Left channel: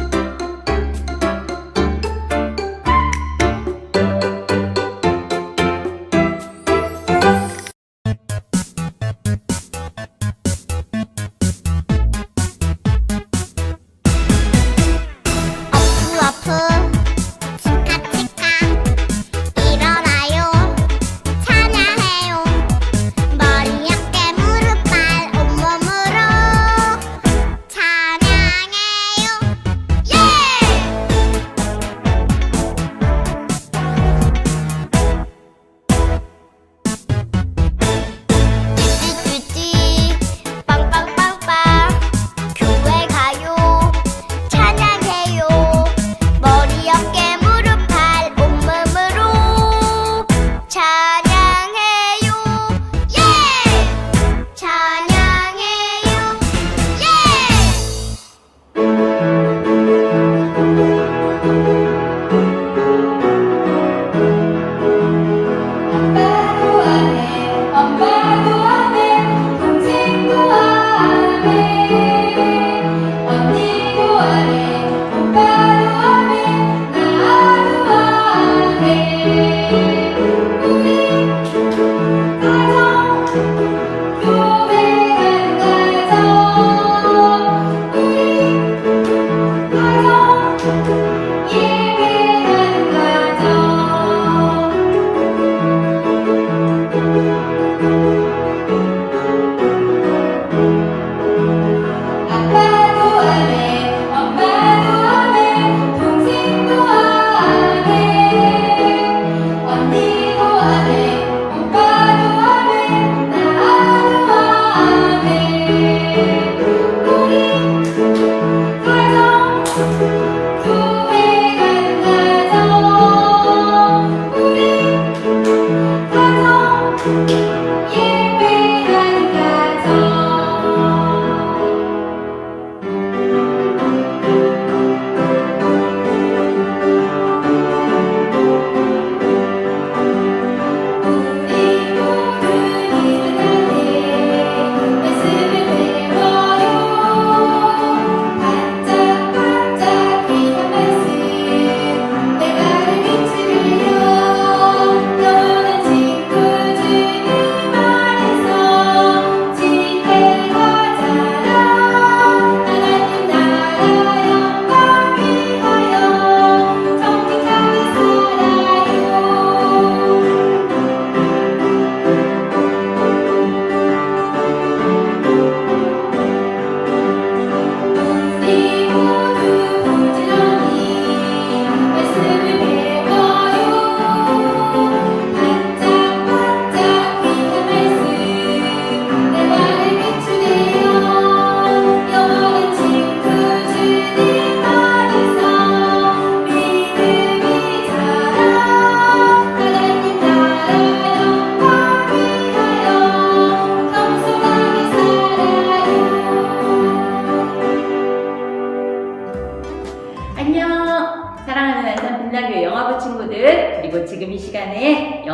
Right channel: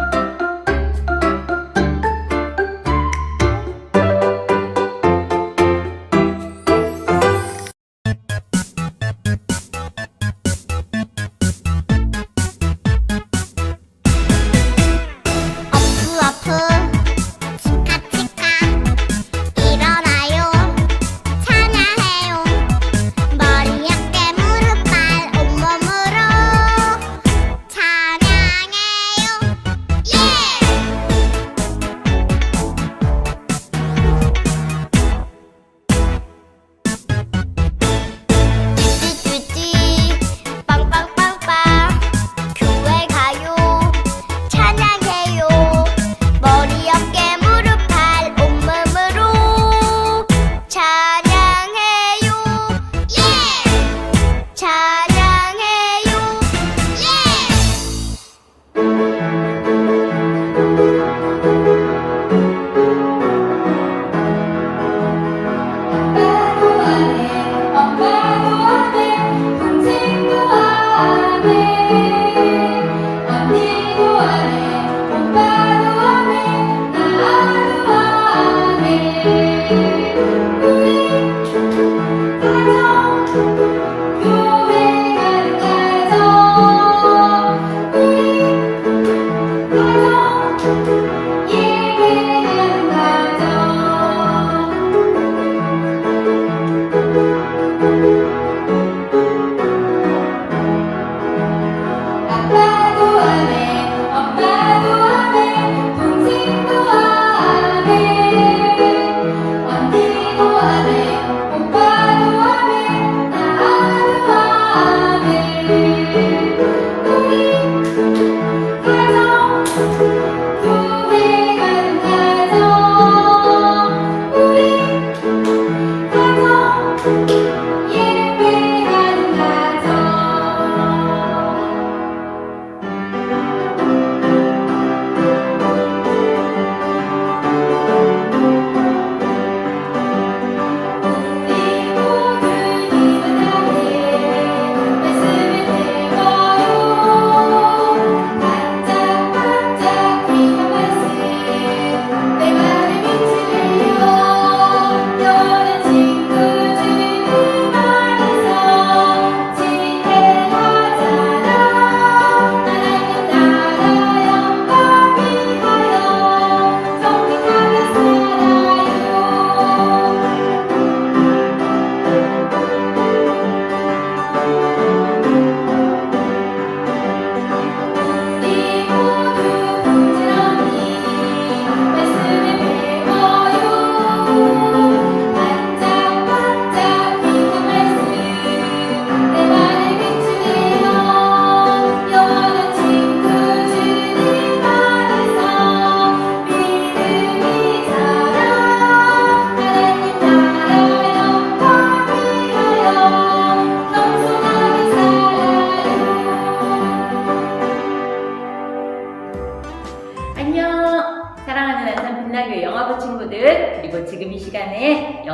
어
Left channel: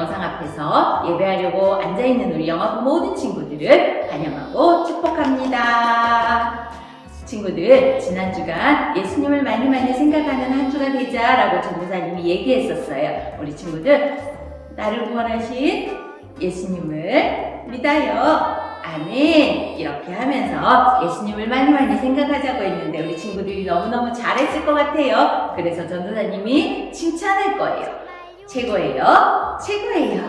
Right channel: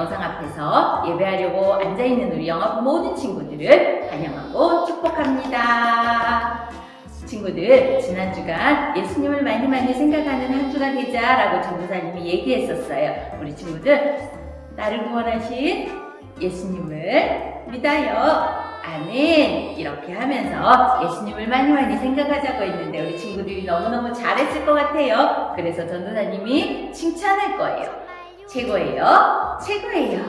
영상 앞에서 예배하려고 앉아있는 우리 영화부 모든 친구들을 환영하고 축복합니다. 친구들, 지난 주간 예수님을 많이 많이 생각하는 한 주가 되자라고 전도사님이 얘기했었어요. 우리 친구들, 나를 구원하신 예수님을 믿어요. 아멘. 이렇게 하면서 예수님을 많이 많이 생각하자고 했는데 우리 친구들이 너무너무 잘했을 것 같아요. 그래서 전도사님이 칭찬할 거예요. 최고예요. 최고예요.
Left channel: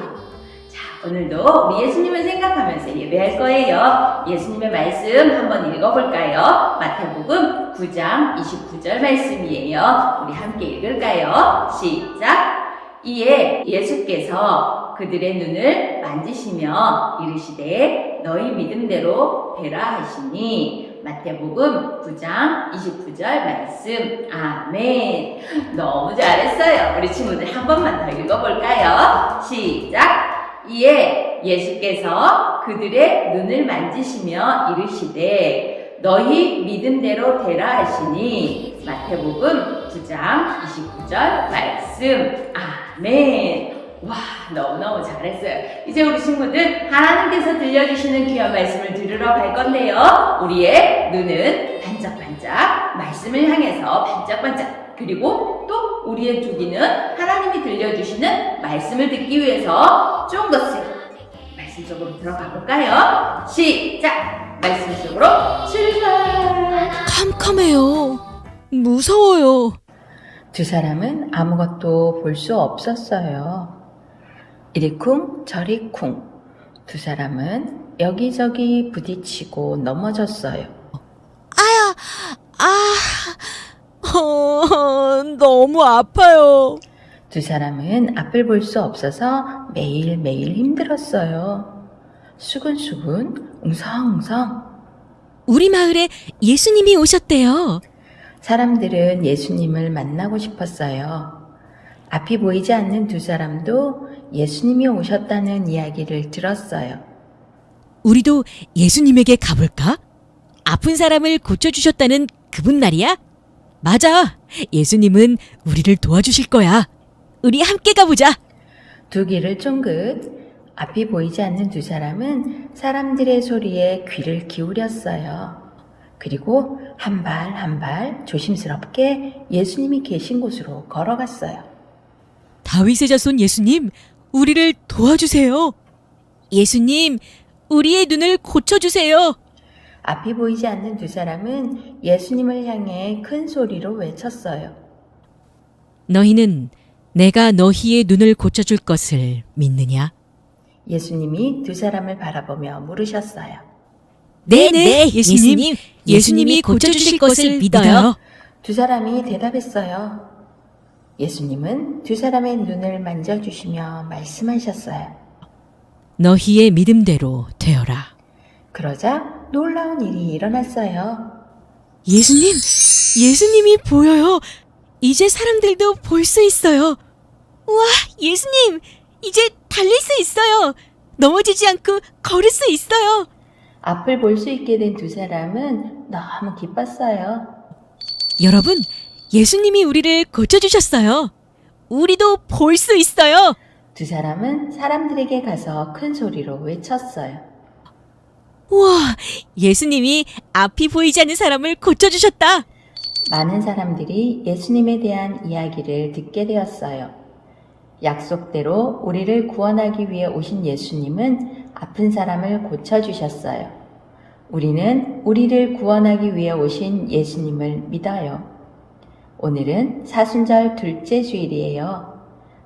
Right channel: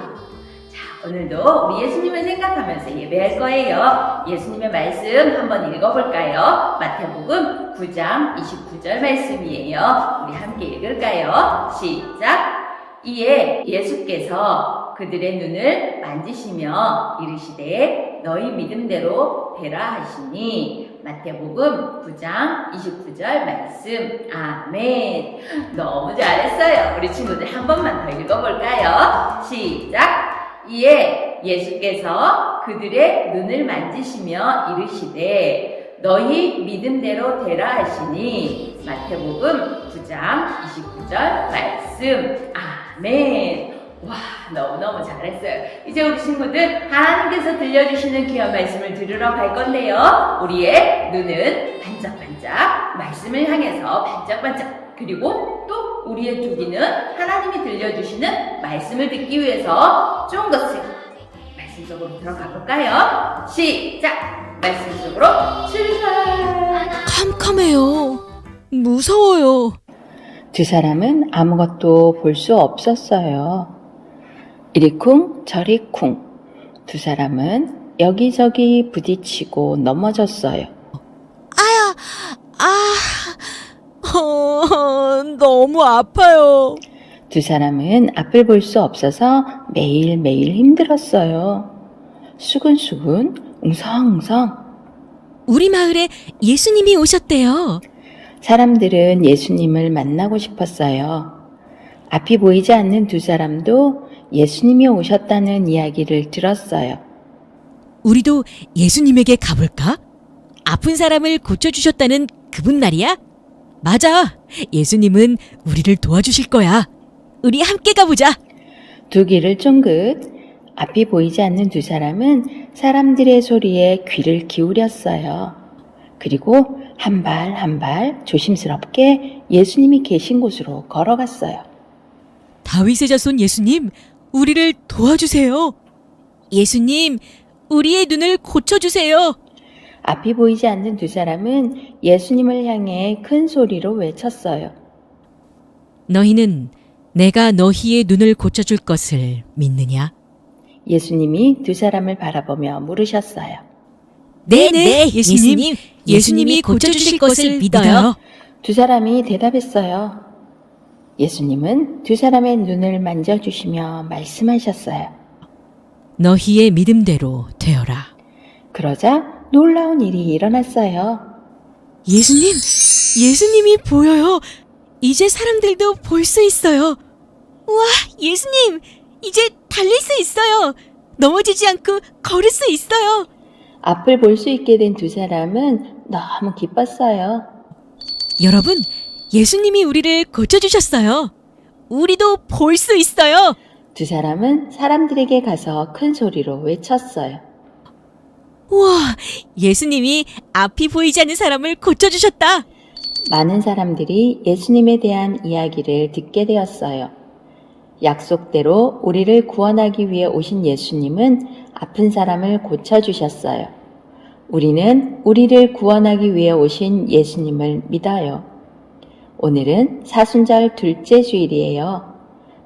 자, 오늘도 우리 예수님을 생각하면서 예배할 거예요. 예수님의 말씀 한번 읽어볼까요? 마태복음 9장 29절 말씀이에요. 우리 함께 읽을까요? 시작. 이에 예수께서 그들의 눈을 만지시며 이르시되 너희 믿음대로 되라 하시니 마태복음 9장 29절 말씀. 아멘. 너무 잘했어요. 우리 친구들 한 번만 더 읽어볼까요? 시작. 이에 예수께서 그들의 눈을 만지시며 이르시되 너희 믿음대로 되라 하시니 마태복음 9장 29절 말씀. 아멘 와, 너무너무 잘했어요. 이제 우리 친구들 하나님께서 들려주시는 귀한 말씀을 들으러 갈 건데요. 우리의 눈은 반짝반짝 말씀을 향해서 반짝반짝 그리고 또 우리의 두기는 하나님이 들려주시는 말씀을 듣기 위해서 쫑긋을 말씀 속으로 들어가 볼까요? 시작! 말씀 속으로 출발! 캄캄해요. 무서워요. 두 사람은 아무것도 볼 수 없었어요. 이리 쿵, 저리 쿵. 두 사람은 여기저기 부딪히고 넘어졌어요. 아야, 아, 어, 너무 아파요. 두 사람은 앞을 볼 수 없어서 매일매일 힘들었어요. 수근수근, 웅성웅성. 우리 마을에 예수님이 오셨대요. 사람들은 예수님을 만나고 싶었어요. 앞이 보이지 않는 두 사람도 예수님이 오셨다는 이야기를 들었어요. 우리도 예수님에게 가볼까? 아픈 사람을 고쳐주셨다는 그분 말이야? 맞아. 예수님은 우리를 도와주실 거야. 우리 함께 가보자. 두 귀를 쫑긋 앞이 보이지 않는 두 사람은 사람들의 소리에 귀를 기울였어요. 그리고 한 발 한 발 조심스럽게 예수님이 계신 곳으로 걸어갔어요. 다윗의 자손 예수님, 우리를 도와주세요. 예수님, 우리의 눈을 고쳐주세요. 앞이 보이지 않는 두 사람은 예수님을 향해 큰 소리로 외쳤어요. 너희는 내가 너희의 눈을 고쳐줄 것을 믿느냐? 예수님이 두 사람을 바라보며 물으셨어요. 네네, 예수님. 예수님이 고쳐주실 것을 믿어요. 두 사람이 대답했어요. 예수님은 두 사람의 눈을 만져주시며 말씀하셨어요. 너희의 믿음대로 되어라. 그러자 놀라운 일이 일어났어요. 예수님, 예수님이 보여요. 이제 사람들도 볼 수 있어요. 우와, 예수님, 이제 달릴 수 있어요. 넘어지지 않고 걸을 수 있어요. 앞을 볼 수 있게 된 두 사람은 너무 기뻤어요. 여러분, 예수님이 우리를 고쳐주셨어요. 우리도 볼 수 있어요. 두 사람은 사람들에게 가서 큰 소리로 외쳤어요. 우와, 예수님이 앞이 보이지 않는 사람을 고쳐주셨다. 많은 사람들이 예수님에 대한 이야기를 듣게 되었어요. 약속대로 우리를 구원하기 위해 오신 예수님은 아픈 사람을 고쳐주셨어요. 우리는 우리를 구원하기 위해 오신 예수님을 믿어요. 오늘은 사순절 둘째 주일이에요.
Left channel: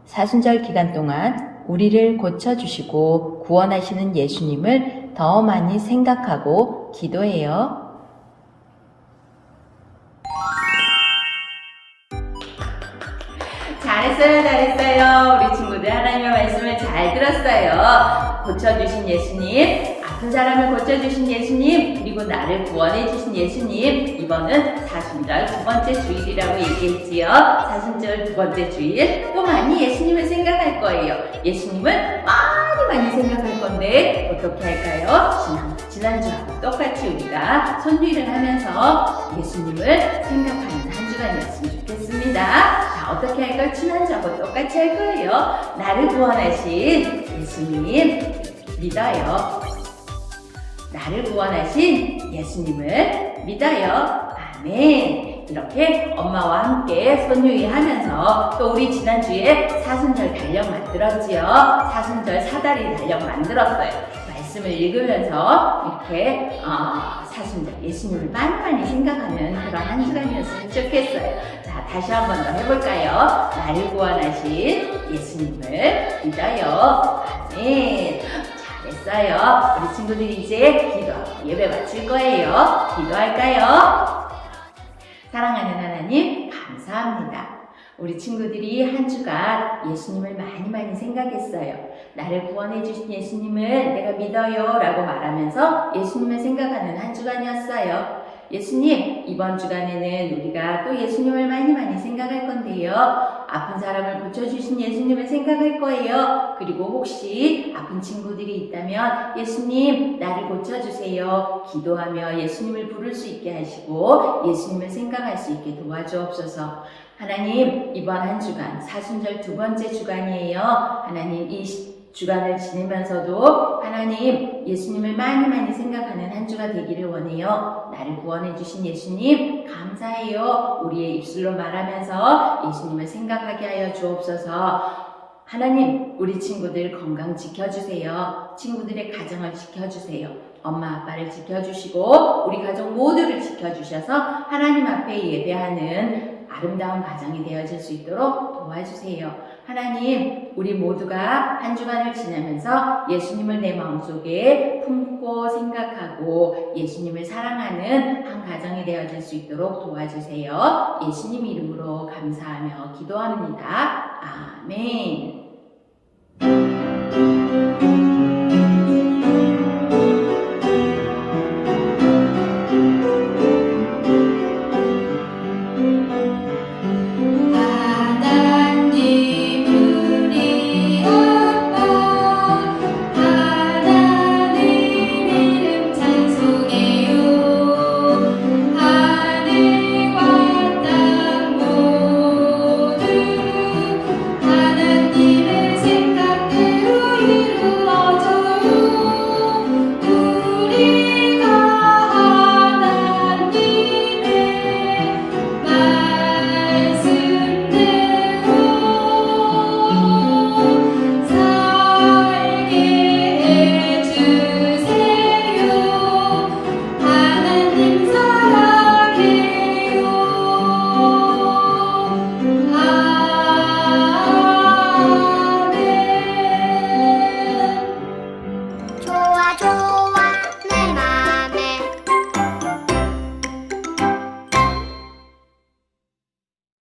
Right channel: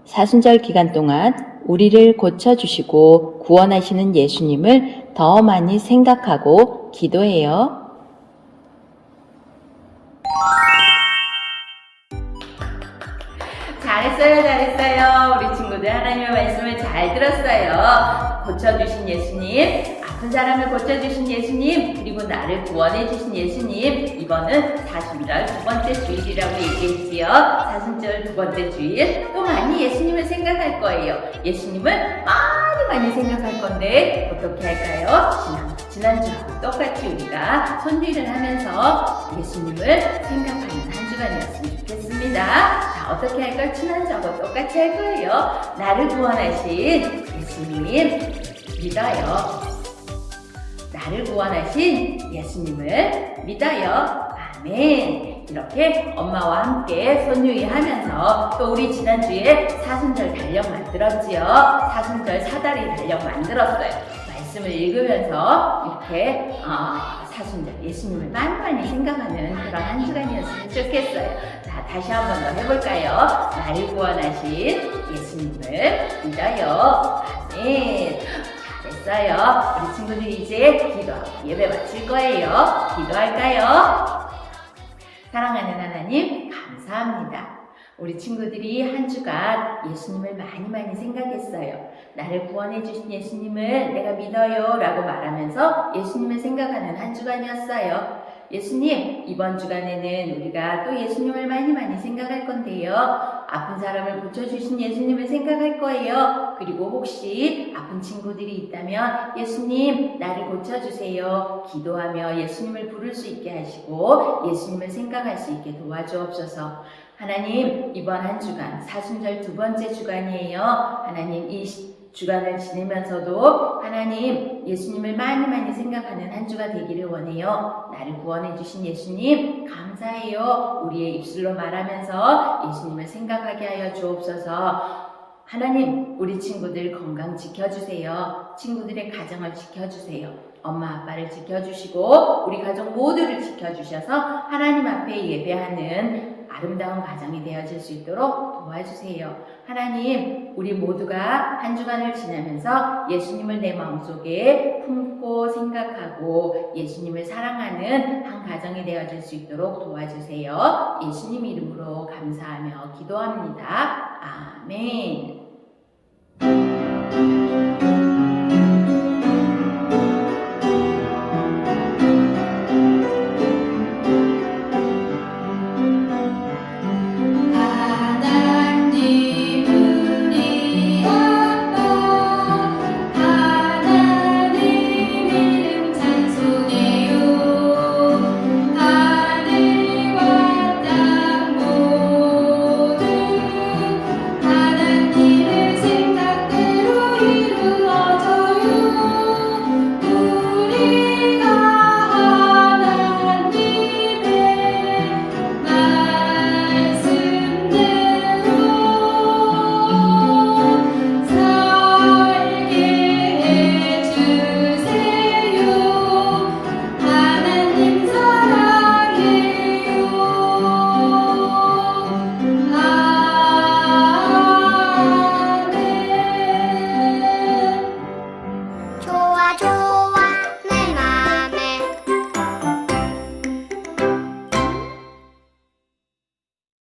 사순절 기간 동안 우리를 고쳐주시고 구원하시는 예수님을 더 많이 생각하고 기도해요. 잘했어요, 잘했어요. 우리 친구들 하나님의 말씀을 잘 들었어요. 고쳐주신 예수님, 아픈 사람을 고쳐주신 예수님, 그리고 나를 구원해주신 예수님. 이번은 사순절 두 번째 주일이라고 얘기했지요. 사순절 두 번째 주일. 또 많이 예수님을 생각할 거예요. 예수님을 많이 많이 생각할 건데, 어떻게 할까요? 지난, 지난주하고 똑같이 우리가 손주일을 하면서 예수님을 생각하는 한 주간이었으면 좋겠습니다. 자, 어떻게 할까요? 지난주하고 똑같이 할 거예요. 나를 구원하신 예수님 믿어요. 나를 구원하신 예수님을 믿어요. 아멘. 이렇게 엄마와 함께 손유희 하면서 또 우리 지난주에 사순절 달력 만들었지요. 사순절 사다리 달력 만들었어요. 말씀을 읽으면서 이렇게 어, 사순절 예수님을 많이 많이 생각하는 그런 한 주간이었으면 좋겠어요. 자, 다시 한 번 더 해볼까요? 나를 구원하신 예수님을 믿어요. 아멘. 잘했어요. 우리 친구들이 이제 기도하고 예배 마칠 거예요. 기도할까요? 사랑하는 하나님, 감사합니다. 우리 친구들이 한 주간 예수님을 많이 많이 생각했어요. 나를 구원해 주신 예수님을 내가 믿어요 라고 말하면서 예수님을 생각하는 한 주간이었어요. 예수님, 이번 주간에는 우리가 또 예수님을 많이 많이 생각할 건데요. 아픈 사람을 고쳐주신 예수님을 생각할 거예요. 그리고 혹시 아픈 친구들이 있다면 예수님, 나를 고쳐주세요. 기도하며 예수님을 부를 수 있게 하시고 예수님을 생각할 수 있게 도와주옵소서. 하나님, 이번 한 주간, 사순절 두 번째 주간이에요. 하나님, 이 시- 주간을 지내면서도 하나님 예수님을 많이 많이 생각하는 한 주가 되기를 원해요. 나를 구원해 주신 예수님 감사해요. 우리의 입술로 말하면서 예수님을 생각하게 하여 주옵소서. 하나님, 우리 친구들 건강 지켜주세요. 친구들의 가정을 지켜주세요. 엄마, 아빠를 지켜주시고, 우리 가족 모두를 지켜주셔서 하나님 앞에 예배하는 아름다운 가정이 되어질 수 있도록 도와주세요. 하나님, 우리 모두가 한 주간을 지나면서 예수님을 내 마음속에 품고 생각하고 예수님을 사랑하는 한 가정이 되어질 수 있도록 도와주세요. 예수님 이름으로 감사하며 기도합니다. 아멘.